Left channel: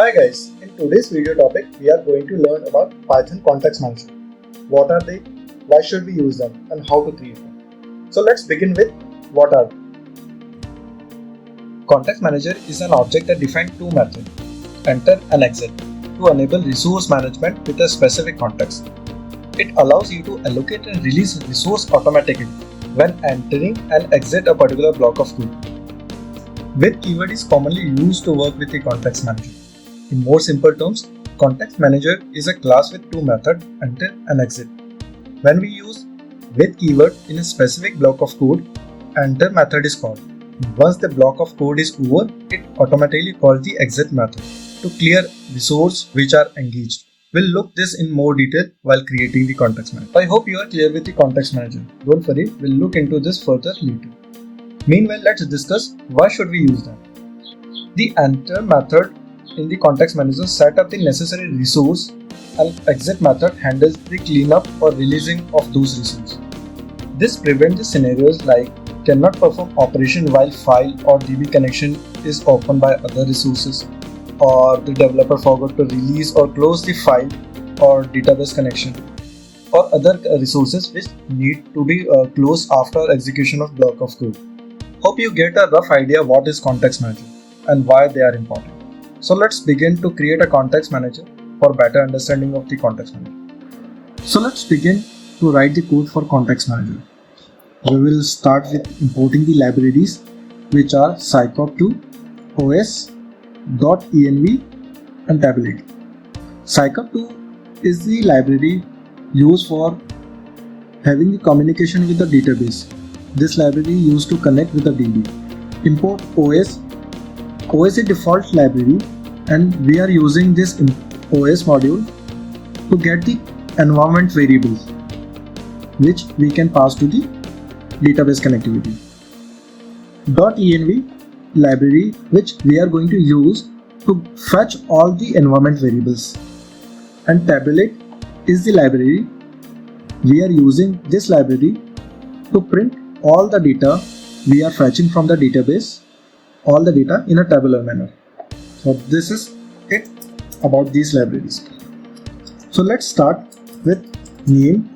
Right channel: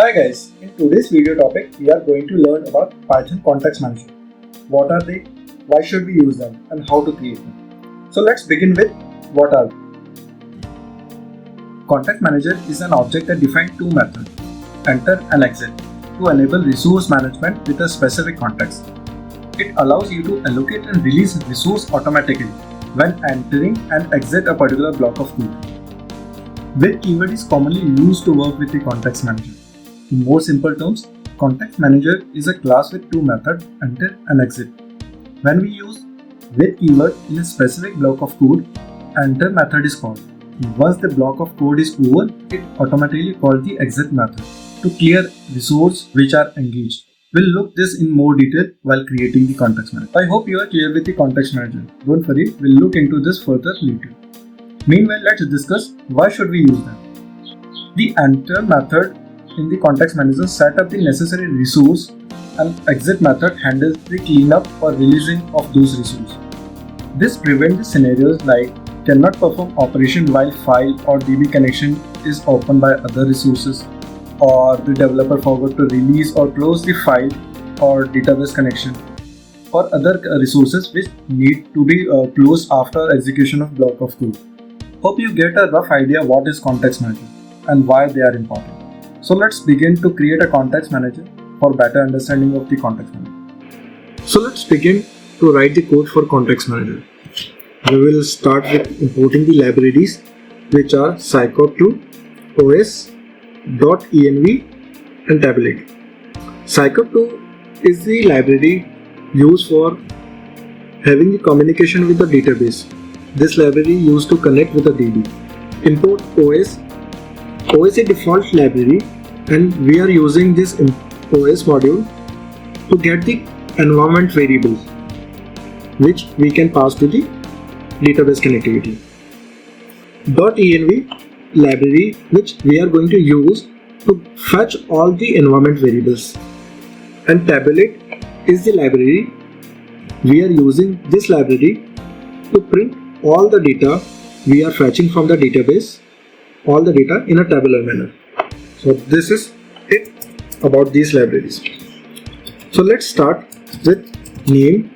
Hi guys, in today's video topic we are going to learn about Python context manager. What are they, why should we use them, and how to create them. So let's begin with what are they. Context manager is an object that defines two methods, enter and exit, to enable resource management with a specific context. It allows you to allocate and release resource automatically when entering and exit a particular block of code. With keyword is commonly used to work with the context manager. In more simple terms, context manager is a class with two methods, enter and exit. When we use with keyword in a specific block of code, enter method is called. Once the block of code is over, it automatically calls the exit method to clear resources which are engaged. We'll look this in more detail while creating the context manager. I hope you are clear with the context manager. Don't worry, we'll look into this further later. Meanwhile, let's discuss why should we use them. The enter method in the context manager set up the necessary resource, and exit method handles the cleanup or releasing of those resources. This prevents the scenarios like cannot perform operation while file or DB connection is opened by other resources, or the developer forgot to release or close the file or database connection, or other resources which need to be closed after execution of block of code. Hope you get a rough idea what is context manager and why they are important. So let's begin to create a context manager for better understanding of the context manager. So let's begin to write the code for context manager. We will start with importing the libraries which are scikop2, os, .env and tabulate. Scikop2 is the library used for having the communication with the database. This library used to connect with the DB. Import os. OS is a default library and we are using this OS module to get the environment variables which we can pass to the database connectivity. .env library which we are going to use to fetch all the environment variables, and tabulate is the library we are using this library to print all the data we are fetching from the database, all the data in a tabular manner. So this is it about these libraries. So let's start with name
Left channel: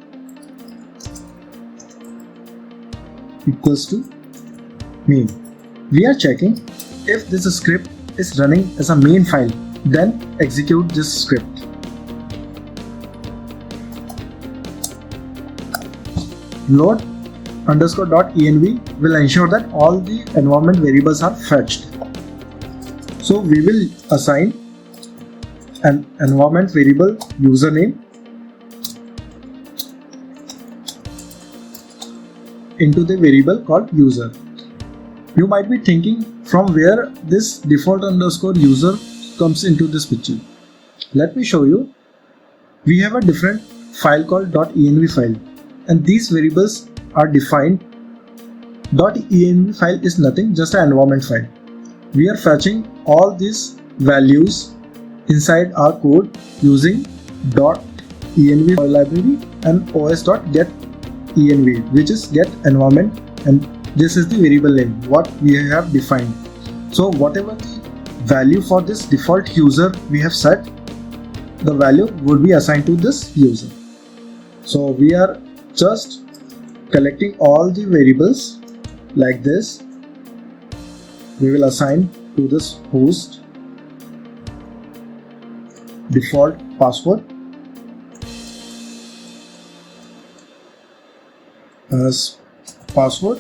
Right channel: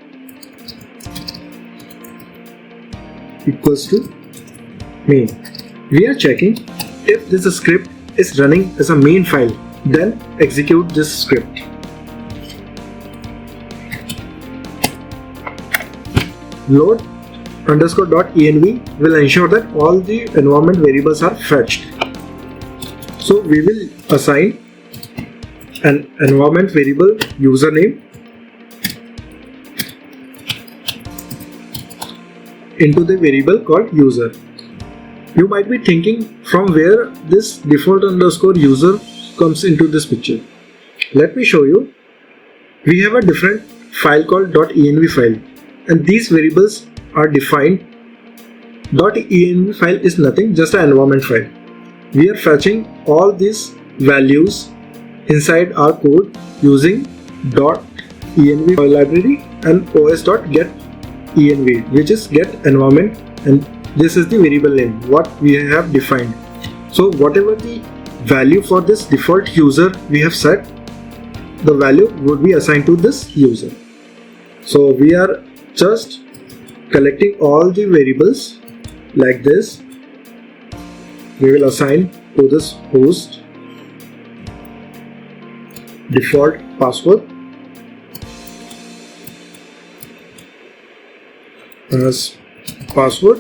equals to main. We are checking if this script is running as a main file, then execute this script. Load _.env will ensure that all the environment variables are fetched. So we will assign an environment variable username into the variable called user. You might be thinking from where this default underscore user comes into this picture. Let me show you. We have a different file called .env file, and these variables are defined. .env file is nothing, just an environment file. We are fetching all these values inside our code using .env library and os.getEnv, which is get environment, and this is the variable name what we have defined. So whatever the value for this default user we have set, the value would be assigned to this user. So we are just collecting all the variables like this. We will assign to this host default password as password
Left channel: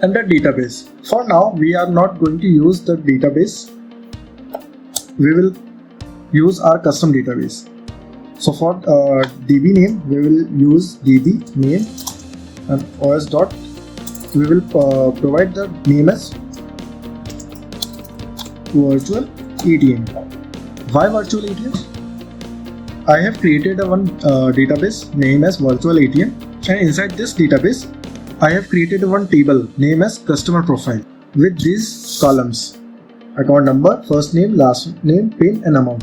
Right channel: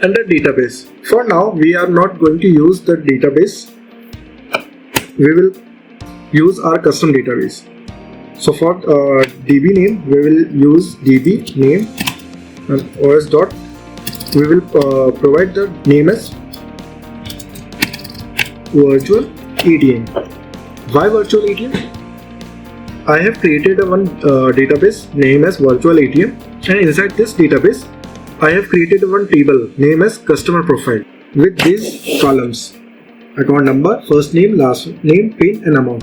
and a database. For now we are not going to use the database. We will use our custom database. So for DB name we will use DB name, and os dot we will provide the name as virtual ATM. Why virtual ATM? I have created a one database name as virtual ATM, and inside this database I have created one table name as customer profile with these columns: account number, first name, last name, PIN and amount.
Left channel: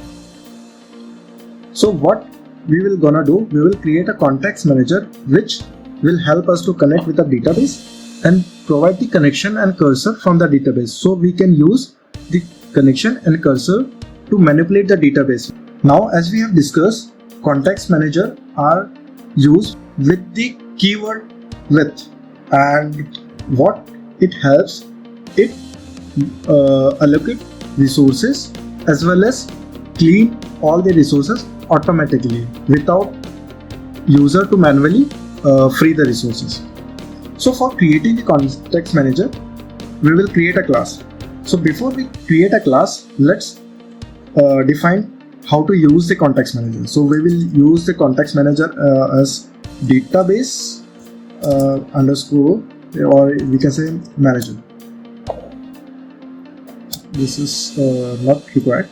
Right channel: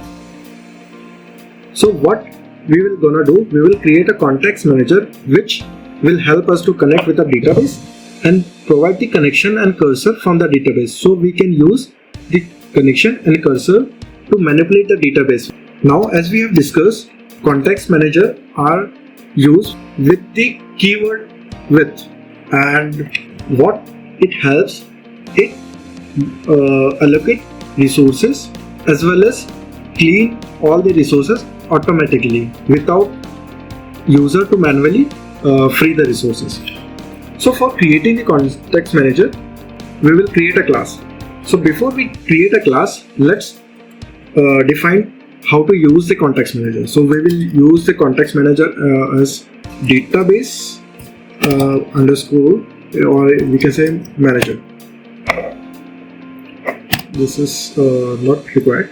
So what we will gonna do, we will create a context manager which will help us to connect with the database and provide the connection and cursor from the database, so we can use the connection and cursor to manipulate the database. Now, as we have discussed, context manager are used with the keyword with, and what it helps, it allocate resources as well as clean all the resources automatically without user to manually free the resources. So for creating the context manager, we will create a class. So before we create a class, let's define how to use the context manager. So we will use the context manager as database underscore, or we can say manager. This is not required.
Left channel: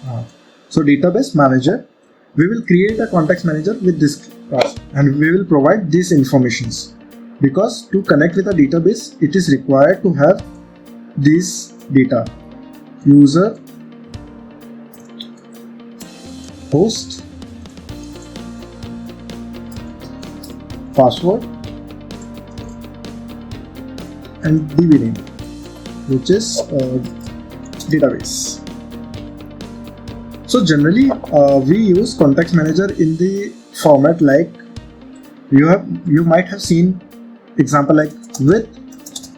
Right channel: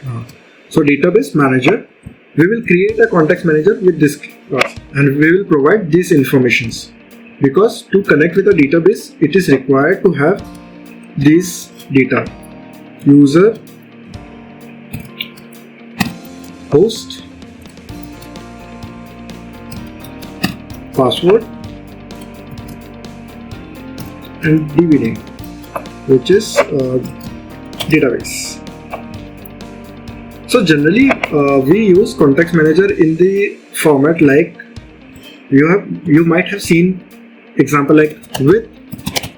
So database manager, we will create a context manager with this class, and we will provide these informations, because to connect with a database it is required to have these data: user, host, password, and DVD, which is database. So generally we use context manager in the format like you might have seen example like with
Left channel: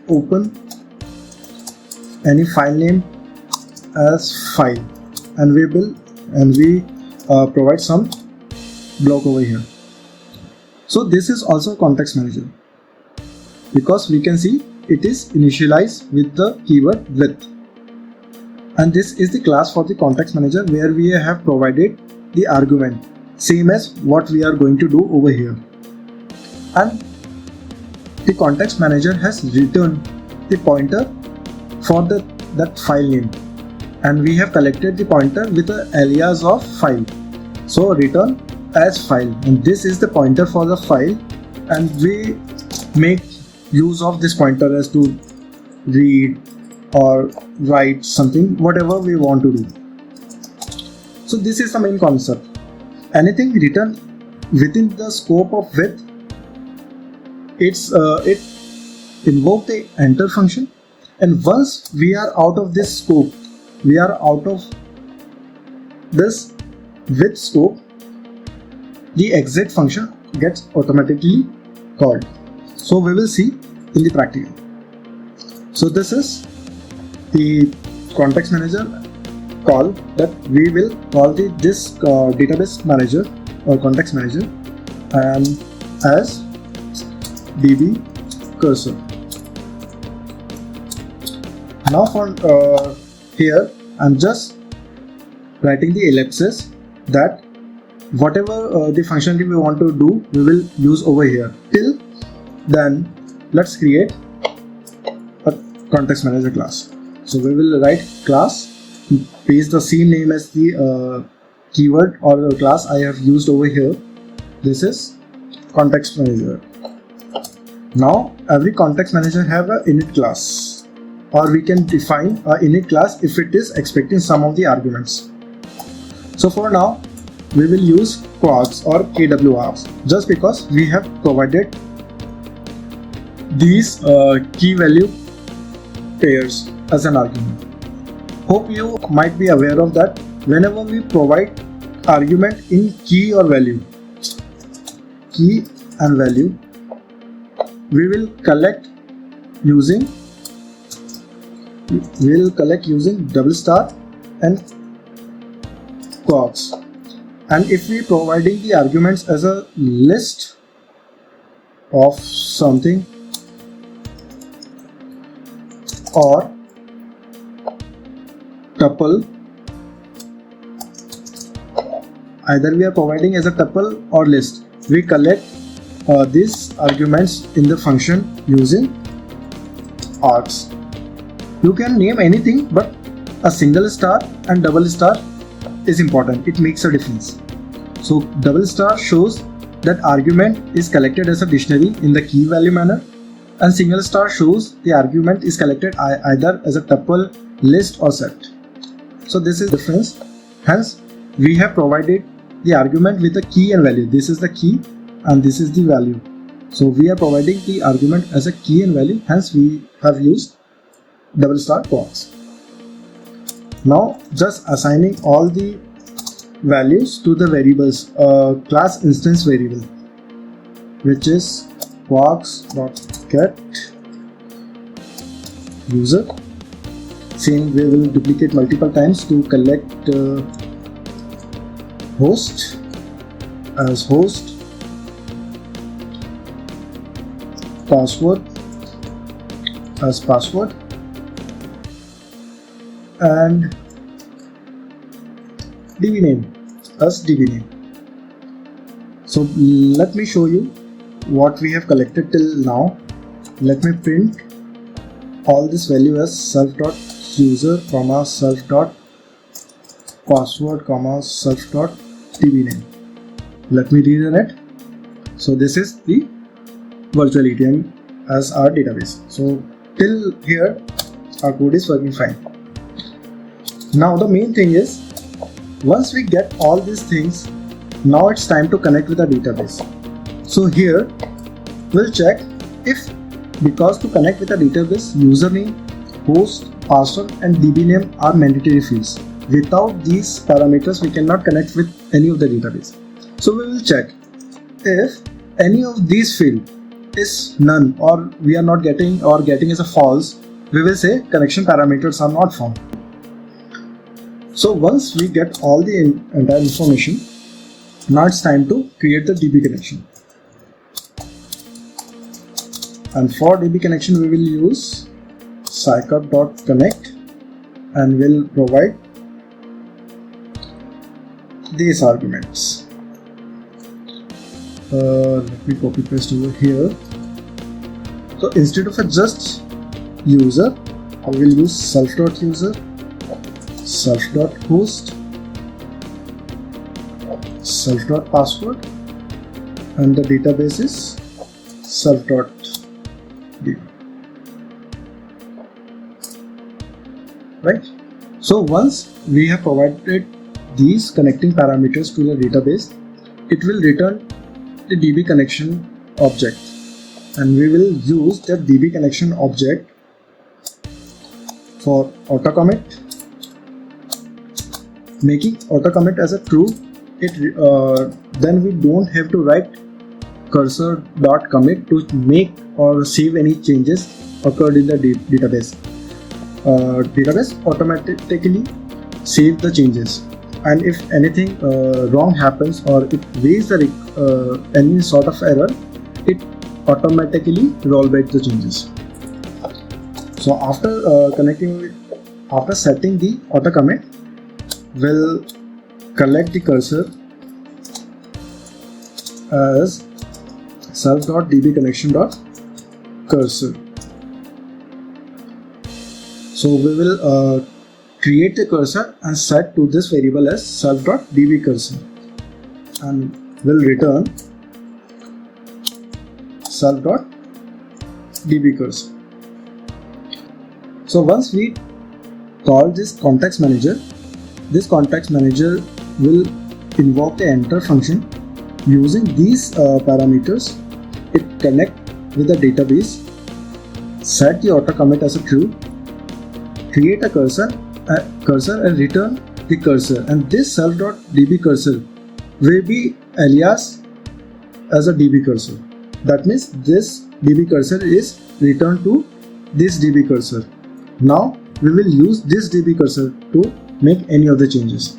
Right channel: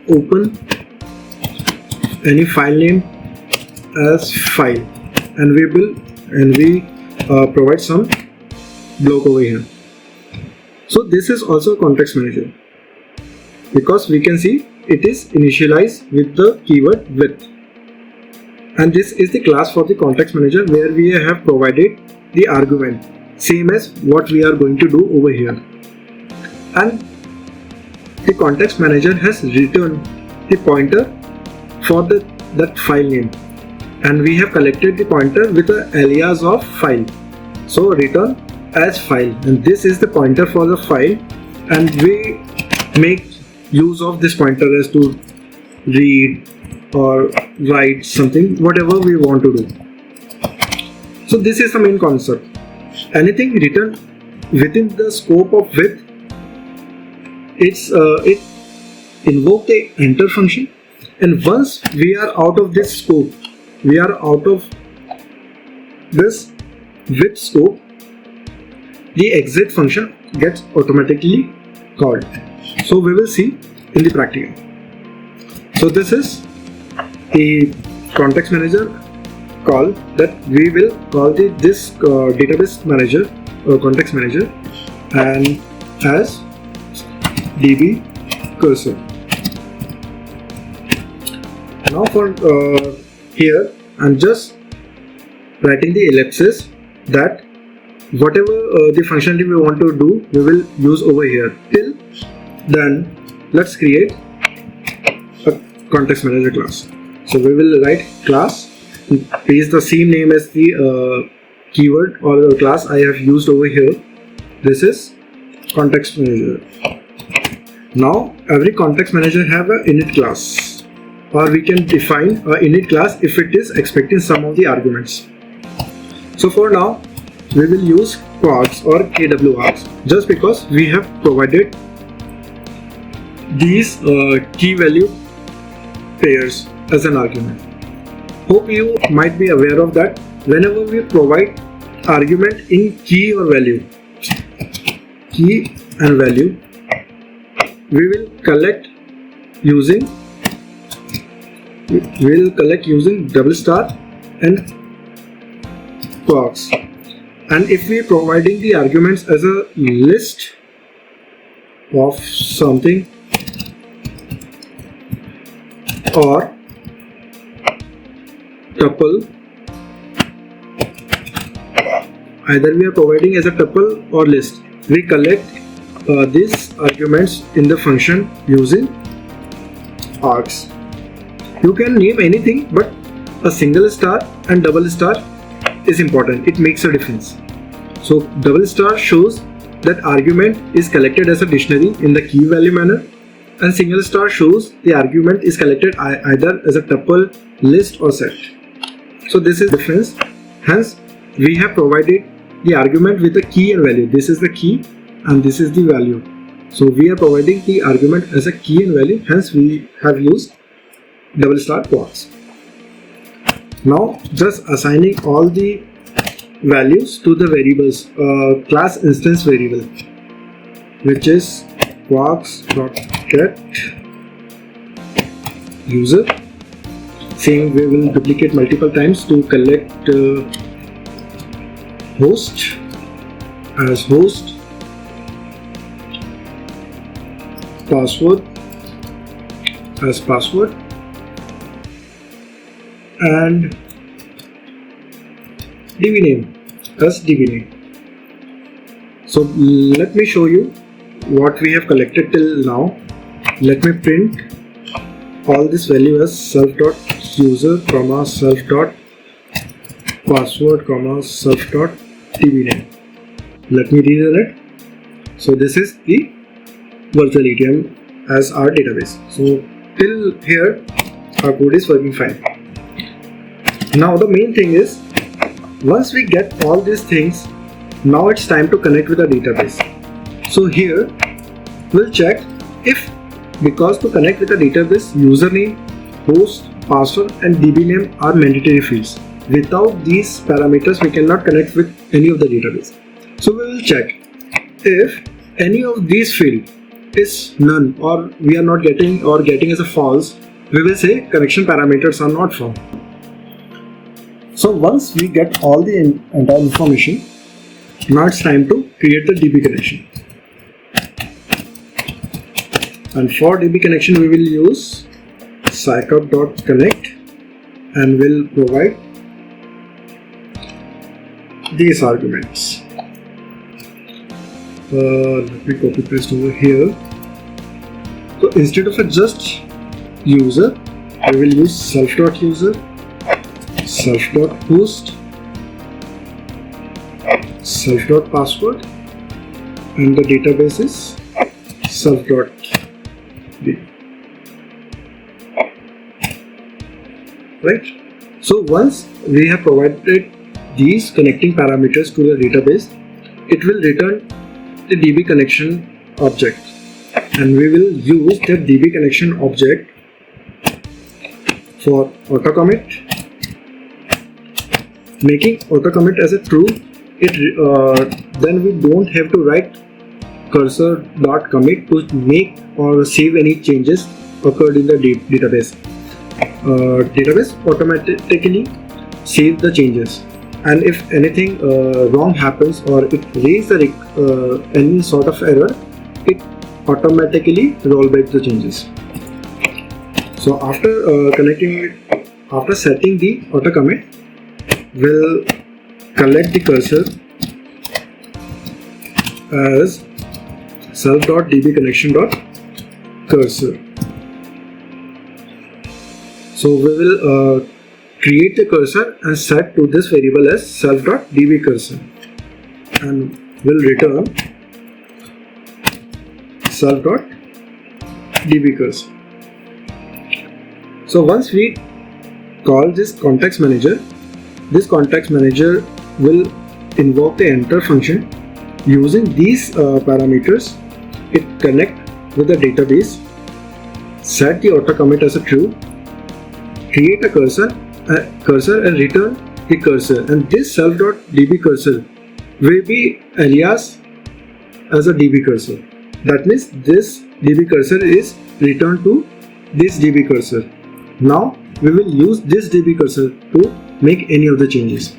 open any file name as file, and we provide some block over here. So this is also a context manager, because we can see it is initialized with the keyword with, and this is the class for the context manager where we have provided the argument same as what we are going to do over here, and the context manager has returned the pointer for that file name, and we have collected the pointer with the alias of file. So return as file, and this is the pointer for the file, and we make use of this pointer as to read or write something, whatever we want to do. So this is the main concept. Anything written within the scope of with, it invoke the enter function, and once we are out of this scope, we are out of this with scope, the exit function gets automatically called. So we will see in the practical. So this is the context manager call that we will call this database manager or context manager and as db cursor. Now for here I'm just writing the ellipses that whatever the functionality we want to do, we will use over here. Till then, let's create a context manager class. So we will write class, paste the same name as the keyword or the class I have used over here. This is context manager. Now every context manager have a init class, or we can define a init class if it is expecting some of the arguments. So for now we will use quarks or kwarks, just because we have provided these key value pairs as an argument. Hope you might be aware of that. Whenever we provide argument in key or value, key and value, we will collect using double star and quarks. And if we are providing the arguments as a list of something or tuple, either we are providing as a tuple or list, we collect these arguments in the function using args. You can name anything, but a single star and double star is important. It makes a difference. So double star shows that argument is collected as a dictionary in the key value manner, and single star shows the argument is collected either as a tuple, list or set. So this is the difference. Hence we have provided the argument with the key and value. This is the key and this is the value. So we are providing the argument as a key and value, hence we have used double star quarks. Now just assigning all the values to the variables class instance variable, which is quarks.get user. Same we will duplicate multiple times to collect host as host, password as password, and DB name as DB name. So let me show you what we have collected till now. Let me print all this value as self.user, self.password, self.DB name. Let me rerun it. So this is the virtual ATM as our database. So till here our code is working fine. Now the main thing is, once we get all these things, now it's time to connect with the database. So here we'll check if, because to connect with the database, username, host, password and DB name are mandatory fields. Without these parameters we cannot connect with any of the database. So we will check if any of these field is none or we are not getting or getting as a false, we will say connection parameters are not found. So once we get all the entire information, now it's time to create the DB connection. And for DB connection we will use scickup.connect and will provide these arguments. Let me copy paste over here. So instead of just user, we will use self.user, self.host, self.password, and the database is self.db. Right? So once we have provided these connecting parameters to the database, it will return the DB connection object, and we will use that DB connection object for auto commit, making auto commit as a true. Then we don't have to write cursor.commit to make or save any changes occurred in the database. Database automatically save the changes, and if anything wrong happens or it raises any sort of error, it automatically roll back the changes. So after connecting it, after setting the auto commit, we'll collect the cursor as self.dbconnection.cursor. So we will create the cursor and set to this variable as self.dbcursor, and we'll return self.dbcursor. So once we call this context manager will invoke the enter function. Using these parameters, it connect with the database, set the auto commit as a true, create a cursor and return the cursor, and this self.dbcursor will be alias as a DB cursor. That means this DB cursor is returned to this DB cursor. Now we will use this DB cursor to make any of the changes.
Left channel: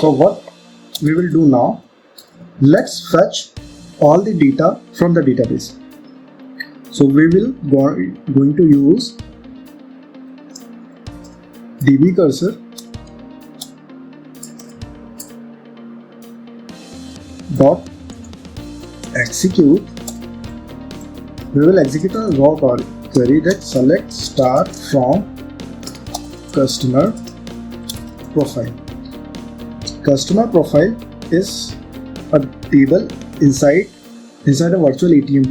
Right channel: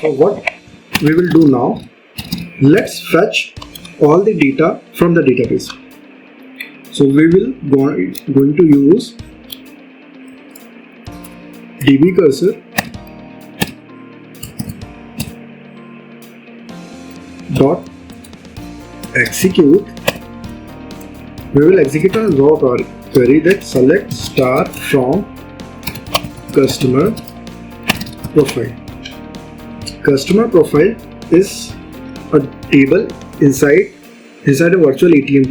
So what we will do now, let's fetch all the data from the database. So we will going to use DB cursor dot execute. We will execute a raw query that select star from customer profile. Customer profile is a table inside a virtual ATM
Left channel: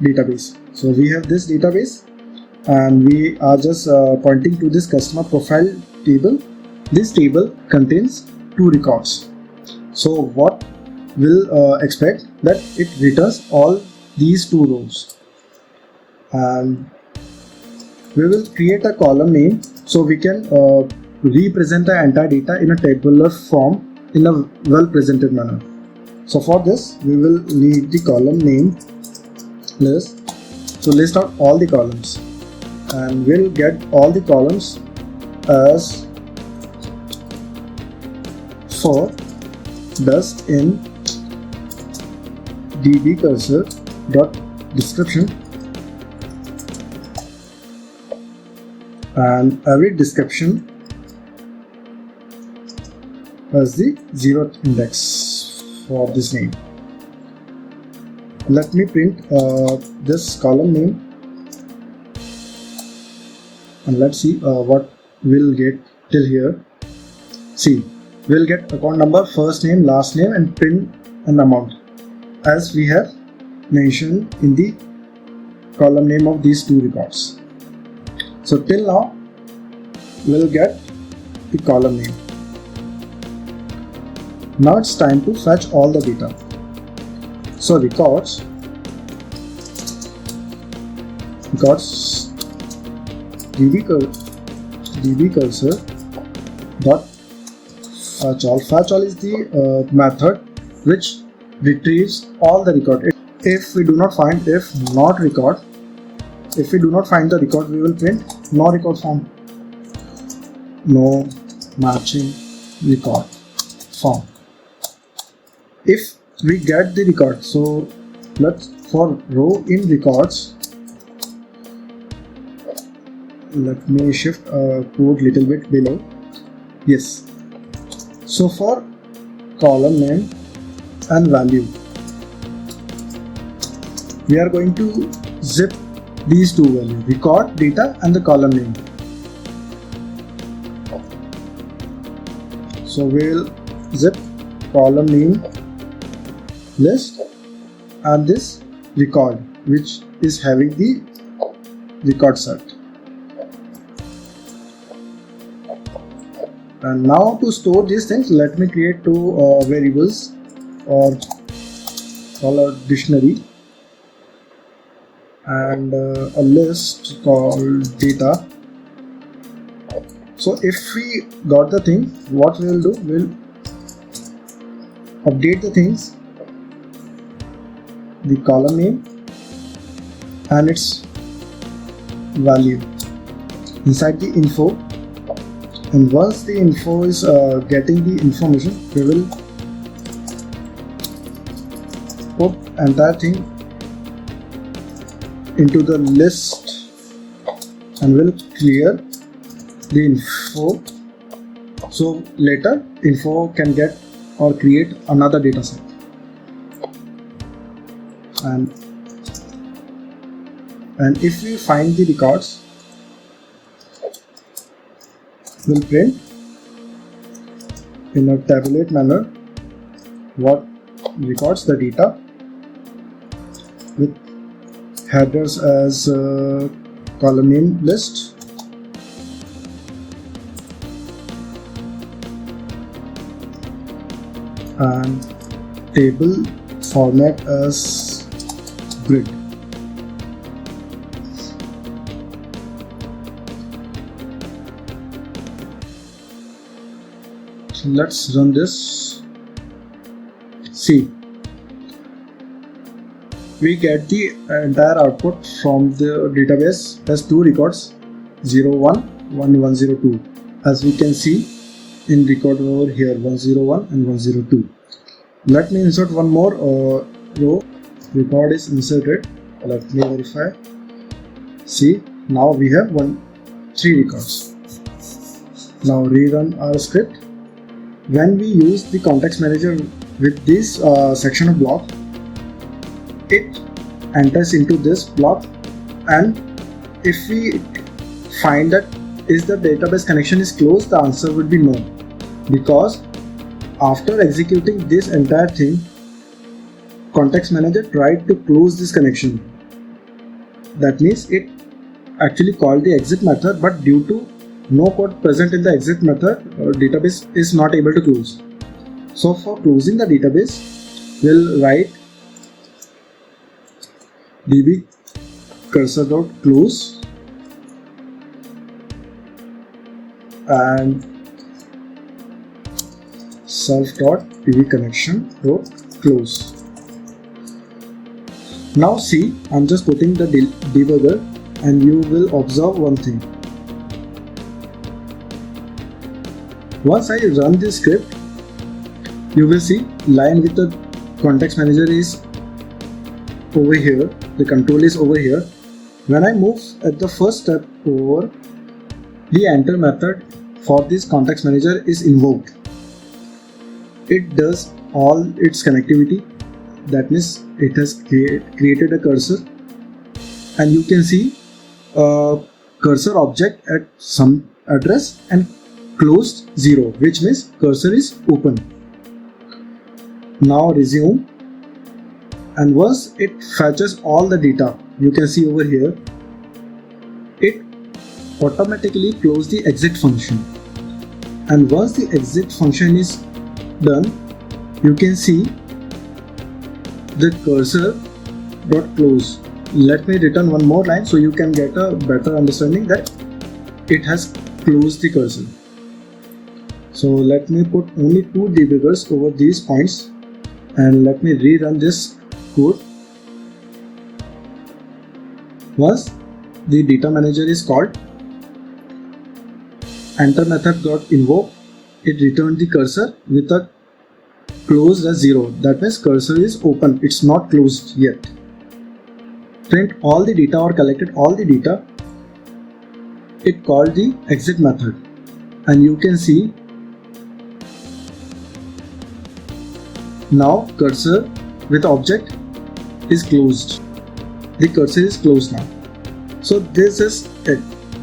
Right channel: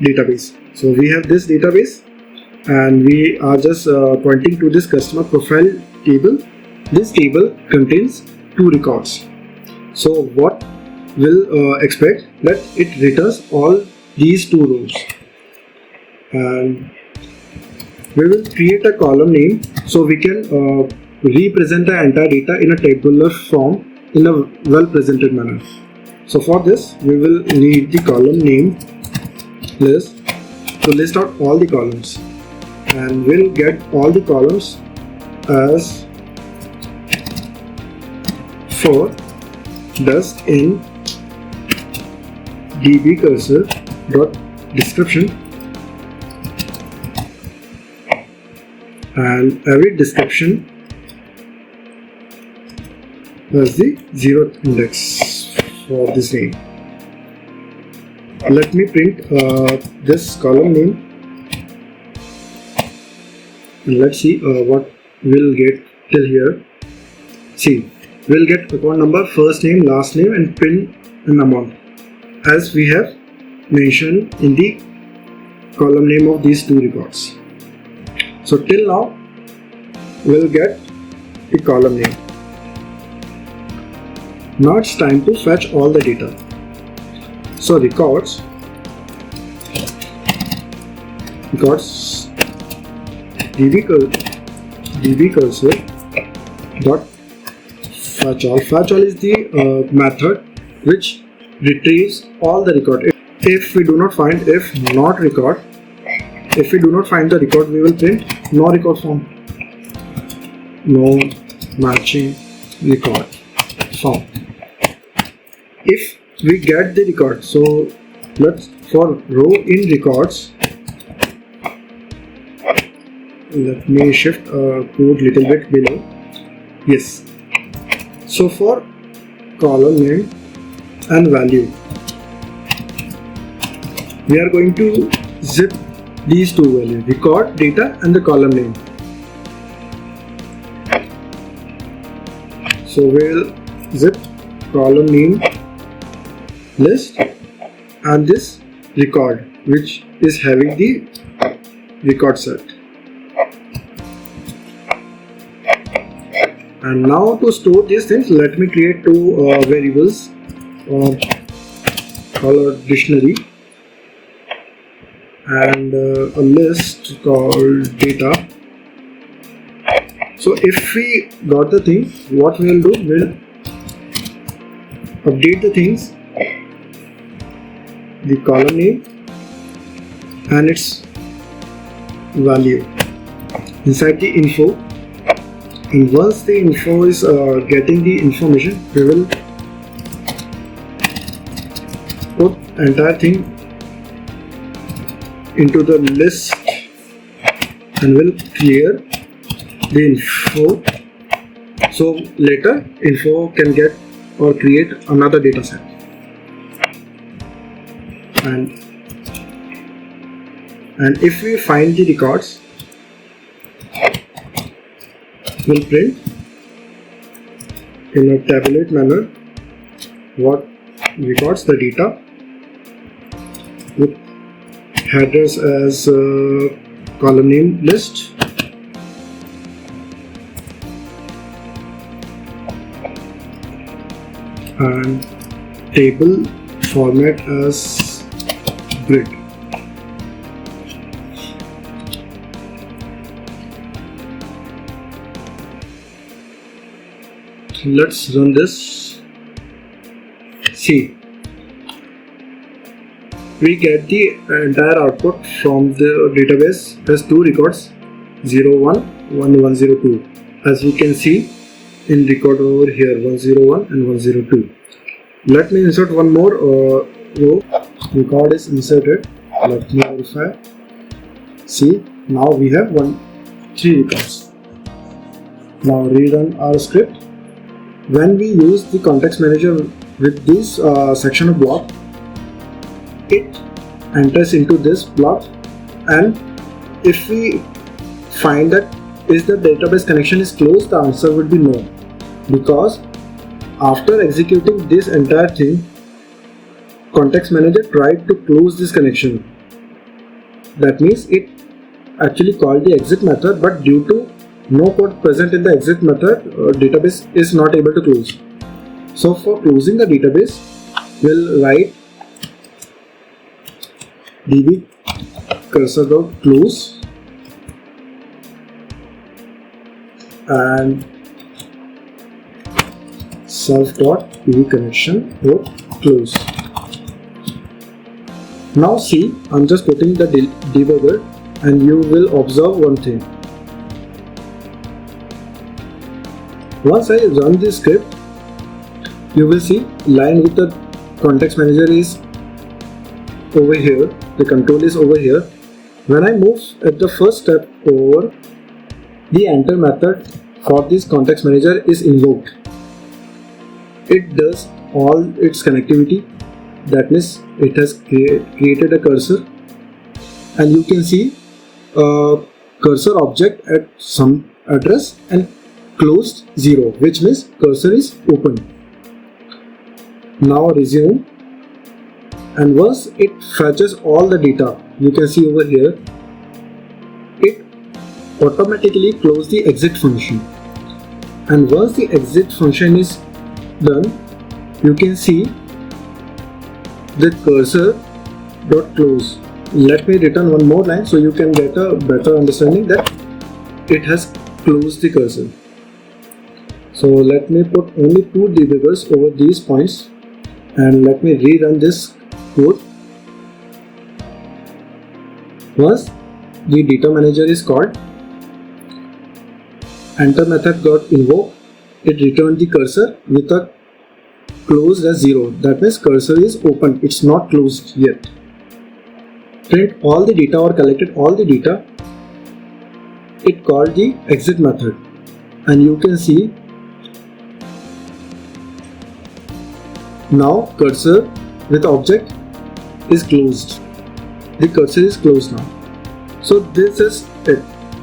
database. So we have this database and we are just pointing to this customer profile table. This table contains 2 records. So what we'll expect that it returns all these 2 rows, and we will create a column name so we can represent the entire data in a tabular form in a well presented manner. So for this we will need the column name list to list out all the columns, and we'll get all the columns as for dust in db cursor dot description, and every description has the 0th index for this name. Let me print this column name, and let's see what we'll get till here. See, we'll get account number, first name, last name, and PIN and amount, as we have mentioned in the column name of these two records. So till now we'll get the column name. Now it's time to fetch all the data. So records db cursor dot fetch all. Fetch all is the method which retrieves all the record. If we do not find the record, we will print no record found, no matching record found. If we get the record, so let's, for row in records, let me shift code little bit below. Yes, so for column name and value, we are going to zip these two values, record data and the column name. So we'll zip column name list and this record which is having the record set. And now to store these things, let me create two variables or color dictionary and a list called data. So if we got the thing, what we will do, we'll update the things, the column name and its value inside the info, and once the info is getting the information, we will put entire thing into the list and will clear the info, so later info can get or create another data set. And if we find the records, we'll print in a tabulate manner what records the data with headers as column name list, and table format as grid. Let's run this. See, we get the entire output from the database as two records, 01, 1102. As you can see in record over here, 101 and 102. Let me insert one more row. Record is inserted. Let me verify. See, now we have 3 records. Now rerun our script. When we use the context manager with this section of block, it enters into this block, and if we find that is the database connection is closed, the answer would be no, because after executing this entire thing, context manager tried to close this connection. That means it actually called the exit method, but due to no code present in the exit method, database is not able to close. So for closing the database, we'll write db cursor.close, and self.pv connection dot close. Now see, I'm just putting the debugger and you will observe one thing. Once I run this script, you will see line with the context manager is over here, the control is over here. When I move at the first step over, the enter method for this context manager is invoked. It does all its connectivity, that means it has created a cursor, and you can see a cursor object at some address and closed 0, which means cursor is open. Now resume, and once it fetches all the data, you can see over here, it automatically closes the exit function. And once the exit function is done, you can see the cursor dot close. Let me return one more line so you can get a better understanding that it has closed the cursor. So let me put only 2 debuggers over these points, and let me rerun this code. Once the data manager is called, enter method got invoked, it returned the cursor with a closed as 0. That means cursor is open, it's not closed yet. Print all the data or collected all the data, it called the exit method, and you can see now cursor with object is closed. The cursor is closed now. So this is it.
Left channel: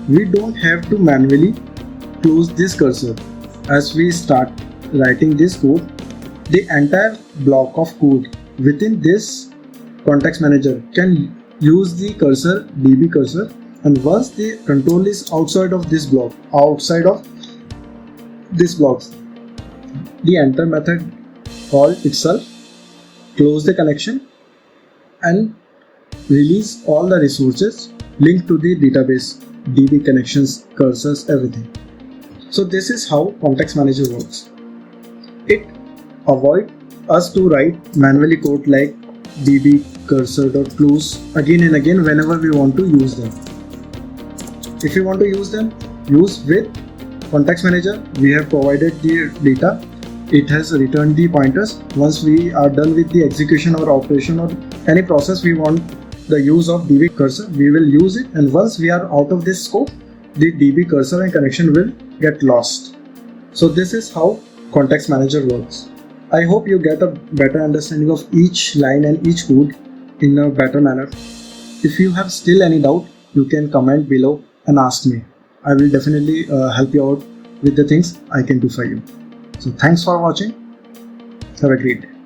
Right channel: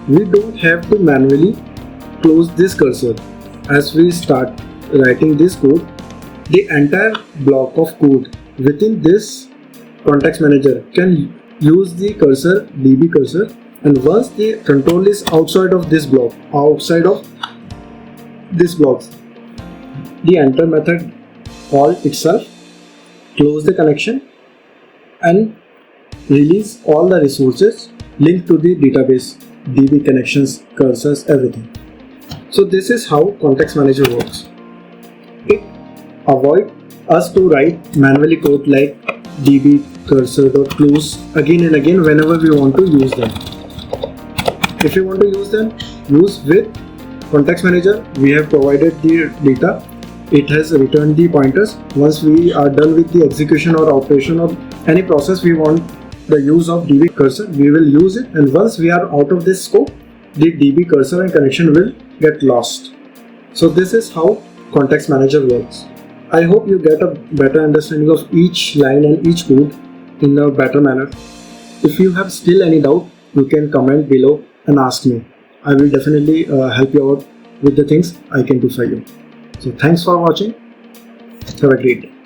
We don't have to manually close this cursor. As we start writing this code, the entire block of code within this context manager can use the cursor, db cursor, and once the control is outside of this block, the enter method call itself close the connection and release all the resources linked to the database, db connections, cursors, everything. So this is how context manager works. It avoids us to write manually code like db cursor.close again and again whenever we want to use them. If you want to use them, use with context manager. We have provided the data. It has returned the pointers. Once we are done with the execution or operation of any process, we want the use of db cursor, we will use it, and once we are out of this scope, the db cursor and connection will get lost. So this is how context manager works. I hope you get a better understanding of each line and each code in a better manner. If you have still any doubt, you can comment below and ask me. I will definitely help you out with the things I can do for you. So thanks for watching. Have a great day.